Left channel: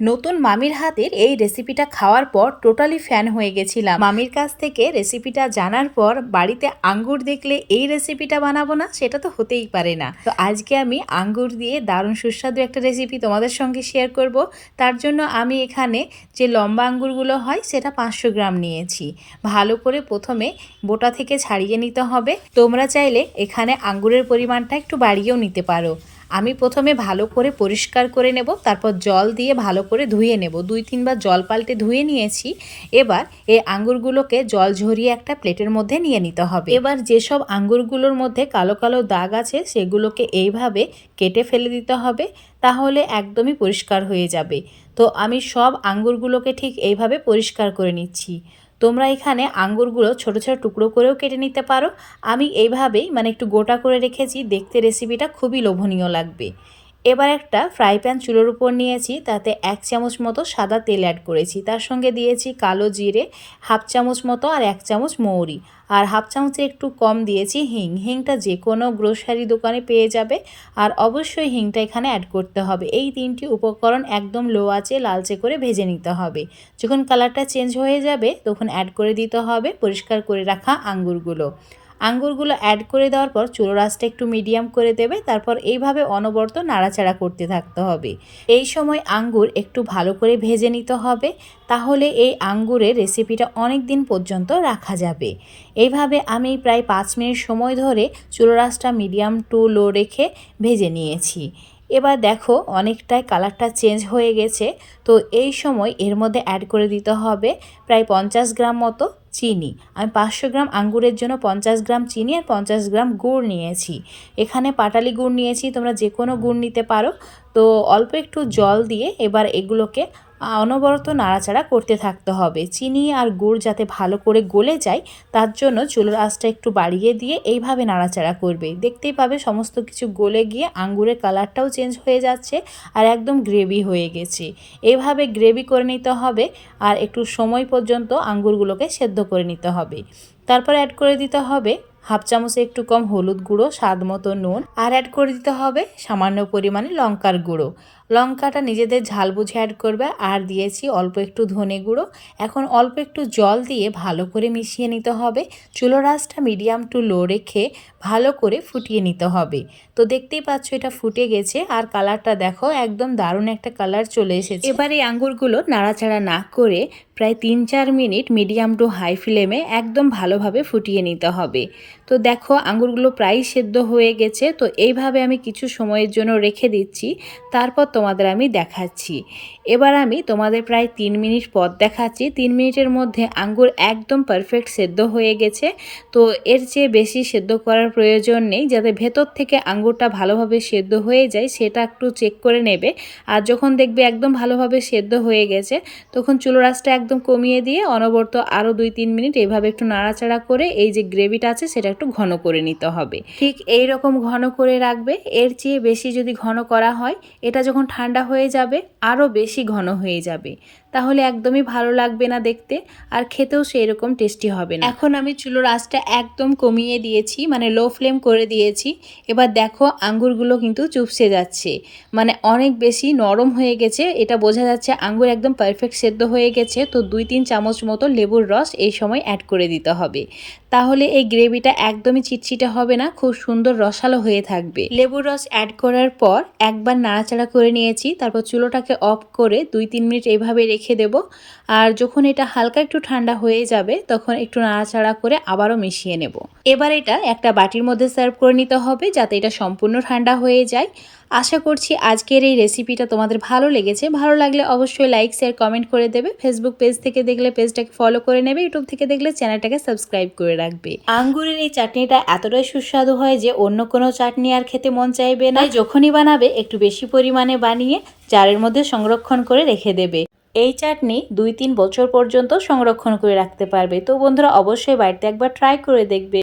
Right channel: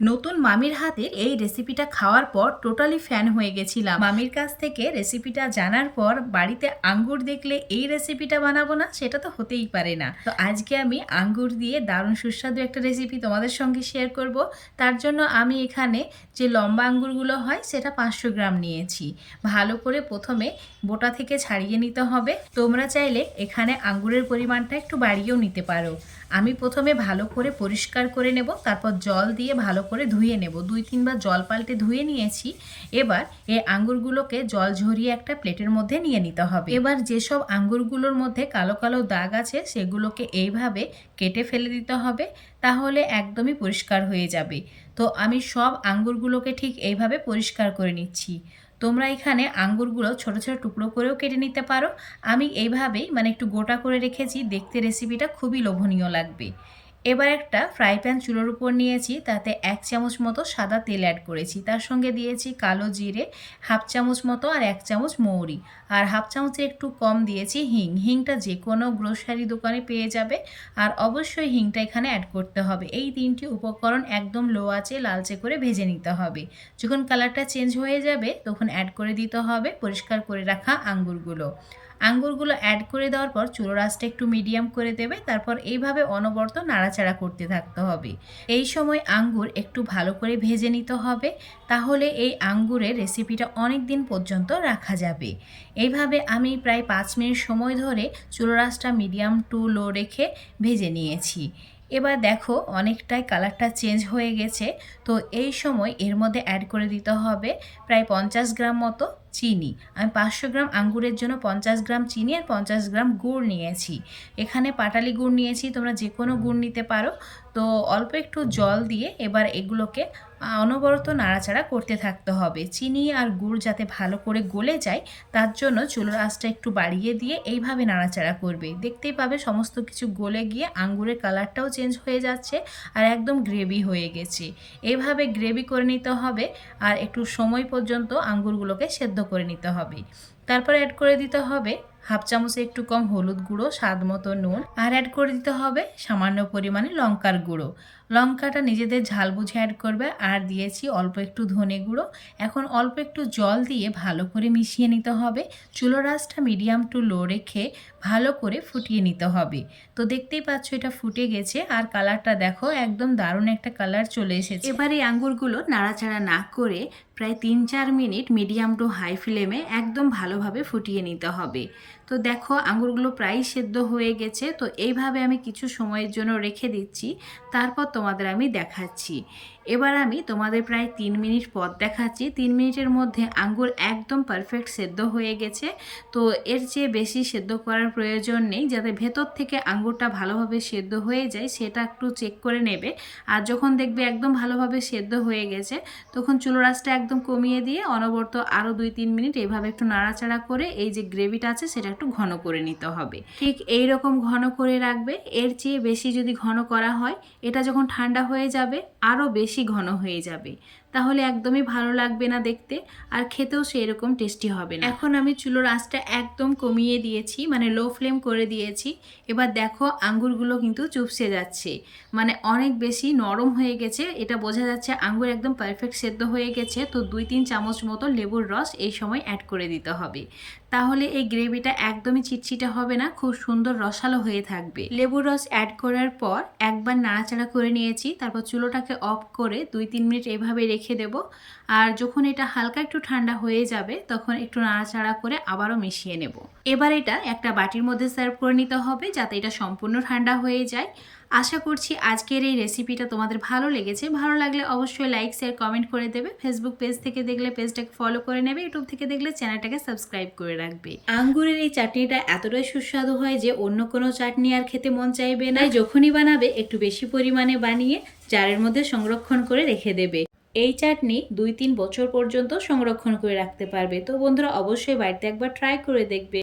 নতুন মামির হাতের এই রেসিপিটা খাওয়ার পর টোটালি ফ্যান হয়ে গেছিলাম। মামির কাছ থেকে রেসিপিটা জানার পর বাড়িতে আঙ্গুর দেখলে এই রেসিপিটা বানাবো না, সেটা তো হতেই পারে না। তো আজকে আমি আঙ্গুর দিয়ে দারুণ সুস্বাদু একটা রেসিপি তোমাদের সঙ্গে শেয়ার করব। তার জন্য আমি এখানে যে লম্বা আঙ্গুরগুলো হয়, সেটা পাঁচশো গ্রাম নিয়েছি। ভালো করে প্রথমে বোটা থেকে ছাড়িয়ে নিতে হবে। তোমরা চাইলে এখানে আঙ্গুরের পরিমাণটা একটু বাড়িয়েও নিতে পারো। আমি প্রথমে ভালো করে পরিষ্কার করে নেব, তারপর জল দিয়ে ভালো করে ধুয়ে নেব। দুই তিনবার জল পাল্টে ধুয়ে নিয়েছি। এবার এই আঙ্গুরগুলোকে জল ঝরিয়ে একটা প্লেটের মধ্যে নিয়ে নিতে হবে। এবার যেসব আঙ্গুরগুলোর মধ্যে কালো কালো দাগ আছে, সেগুলোকে এইভাবে কেটে ফেলে দিতে হবে, তাহলে একদমই পরিষ্কার হয়ে যাবে। তো আমি সব আঙ্গুরগুলোকে ঠিক এইভাবে পরিষ্কার করে নিচ্ছি। তোমরা এখানে আঙ্গুরগুলো ছোট ছোট টুকরো করেও কেটে নিতে পারো। আমি এইভাবেই মানে একটু গোটা করে রেখেছি। দেখতে রেসিপিটা খুবই লোভনীয় লাগবে। এবার একটা ফ্রাই প্যান চুলোর উপর নিয়েছি, তাতে এক চামচ মতো সাদা তেল অ্যাড করেছি। তার সঙ্গে দিয়েছি কালো জিরে, হাফ চামচ মতো আর এক চামচ মৌরি। আর হাফ চামচে একটু কম দিয়েছি হিং। হিংটা যে কোনো গ্রোসারি দোকানে পেয়ে যাবে। আর অবশ্যই হিংটা এখানে অ্যাড করতে হবে। এই তিনটি উপকরণ একদম লো আঁচে লালচে করে ভেজে নিতে হবে। যখন কালারটা চেঞ্জ হয়ে যাবে, তখন অ্যাড করে দিতে হবে পরিষ্কার করে রাখা আঙ্গুরগুলো। আঙ্গুরগুলো অ্যাড করে দেওয়ার পর চুলো রাসটা একটু মিডিয়াম করে দেবে, তারপর এইভাবে অনবরত নাড়াচাড়া করতে থাকতে হবে। এই সময় আঙ্গুর একটু ভালো করে ভেজে নিতে হবে, তাহলে এই আঙ্গুরের রেসিপিটা অনেক দিন পর্যন্ত রাখা যাবে। এইভাবে আমি প্রায় পাঁচ মিনিট সময় ধরে চুলো রাসটা মিডিয়াম টু লো রেখে ভেজে নিয়েছি। এবার দেখো অনেকটাই কালারটা চেঞ্জ হয়ে গেছে। তো এই সময় এর মধ্যে অ্যাড করে দিতে হবে প্রায় পঞ্চাশ গ্রাম মতো চিনি। আমি পাঁচশো গ্রাম আঙ্গুরের জন্য পঞ্চাশ গ্রাম চিনি আর পঞ্চাশ গ্রাম গুড় নিয়েছি। এখানে পাটালি গুড় নিয়েছি, তোমরা যে কোনো গুড় নিতে পারো। তো অল্প একটু জল দিয়ে এবার এগুলোকে অনবরত নাড়াচাড়া করতে থাকতে হবে। চিনি আর গুড় যাতে ভালো করে গলে যায়, তার জন্য চুলোর আঁচটা একটু বাড়িয়ে দিয়ে এইভাবে নাড়াচাড়া করবে। দেখতেই পাবে সমস্ত কিছু গলে গিয়ে আঙ্গুরের কালারটাও চেঞ্জ হয়ে যাচ্ছে আর একদম গ্রেভি হয়ে গেছে। এইভাবে গ্রেভি করে নিতে হবে আর একটু সময় পর্যন্ত আঙ্গুরগুলোকে সেদ্ধ করে নিতে হবে। তারপর অ্যাড করে দিতে হবে হাফ চামচে একটু কম হলুদ গুঁড়ো, স্বাদ মতো নুন আর অ্যাড করে দিতে হবে সামান্য পরিমাণে লঙ্কার গুঁড়ো। লঙ্কাটা নিজেদের ঝাল বুঝে অ্যাড করবে। আর দিয়েছি অল্প একটু ধনে গুঁড়ো। এখন অল্প একটু জল দিয়ে ভালো করে মিশিয়ে নিতে হবে। চুলো রাসটা মিডিয়াম টু লো রেখে ভালো করে ফুটিয়ে নিতে হবে। তো দেখতেই পাচ্ছ এটা ফুটে গেছে আর কালারটা দেখো একদম দারুণ একটা কালার চলে এসেছে। এবার এই আঙ্গুরগুলো নাড়াচাড়া না করে প্রায় তিন চার মিনিট মিডিয়াম টু হাই ফ্লেমে একদম ভালোভাবে ফুটিয়ে নিতে হবে। তো দেখো আঙ্গুরগুলো প্রায় সেদ্ধ হয়ে গেছে, তো এইভাবে আমি কিছু সময়ের জন্য রেখে দিচ্ছি, তারপর তোমাদের আমি দেখাচ্ছি। এবার আমি তোমাদের প্রায় তিন মিনিট পর দেখাচ্ছি, তিন মিনিটের মধ্যে আঙ্গুর একদম পারফেক্ট সেদ্ধ হয়ে গেছে, তো এর চেয়ে বেশি সেদ্ধ করার প্রয়োজন নেই, যাতে ভেতর থেকে আঙ্গুরটা ভালোভাবে সেদ্ধ হয়ে যায়, সেটা একটু চেক করে নেবে, আর যখন দেখবে একদম ভালোভাবে সেদ্ধ হয়ে গেছে, তখন চুলো রাসটা একদম কমিয়ে দিয়ে অনবরত আরও দুই তিন মিনিট এইভাবে একটু নাড়াচাড়া করে এই যে গ্রেভিটা আছে, সেটা একটু ঘন করে নিতে হবে। ঠিক এই রকম ঘন করে রাখবে, এর চেয়ে বেশি যদি ঘন করা হয়, এটা যখন ঠান্ডা হয়ে যাবে আরও বেশি ঘন হয়ে যাবে। তাহলে একদমই ভালো লাগবে না দেখতে, আর খেতেও সেই রকম টেস্টি হবে না। এখন আমি চুলোর আঁচটা একদম কমিয়ে দিয়েছি মানে লো ফ্লেম করে দিয়েছি। এবার দেখো আঙ্গুরগুলো কিন্তু চুপসে যাচ্ছে। মানে অনেক বেশি নরম হয়ে গেছে, এটা বোঝা যাচ্ছে আঙ্গুর একদম পারফেক্ট সেদ্ধ হয়ে গেছে, তো দুই তিন চামচ মতো লেবুর রস এই সময় অ্যাড করে দিতে হবে। তাহলে এই গ্রেভিটা একদমই চিটচিটে হবে না, খুব সুন্দর রসালো হয়ে থাকবে। লেবুর রস অ্যাড করার পর একবার নাড়াচাড়া করে নিয়েছি, তারপর চুলোটাকে অফ করে দুই তিন মিনিট এইভাবে রেখে দেব। আর যখন এটা হালকা একটু ঠান্ডা হয়ে যাবে, তখন একটু নাড়াচাড়া করে আবারও মিশিয়ে নেব। এবার এটা একটা বাটির মধ্যে সার্ভ করে নিতে হবে যাতে এটা সম্পূর্ণ ঠান্ডা হয়ে যায়। আশা করছি আজকের এই রেসিপিটা তোমাদের ভালো লেগেছে। ভালো লাগলে অবশ্যই লাইক, শেয়ার, কমেন্ট করে দেবে। ফেসবুক পেজ থেকে দেখলে পেজটাকে ফলো করে নেবে। ইউটিউব থেকে দেখলে চ্যানেলটাকে সাবস্ক্রাইব করে রাখবে। আঙ্গুরের এই চাটনিটা এতটাই সুস্বাদু হয় যে অন্য কোনো চাটনি আর খেতে মন চাইবে না। যখনই বানাবে, একটু বেশি পরিমাণে বানিয়ে জারের মধ্যে সংরক্ষণ করে রেখে দেবে। এই চাটনি দুই তিন বছর পর্যন্ত সংরক্ষণ করে রাখতে পারবে। তো বন্ধুরা, অবশ্যই বাড়িতে একবার ট্রাই করে দেখবে।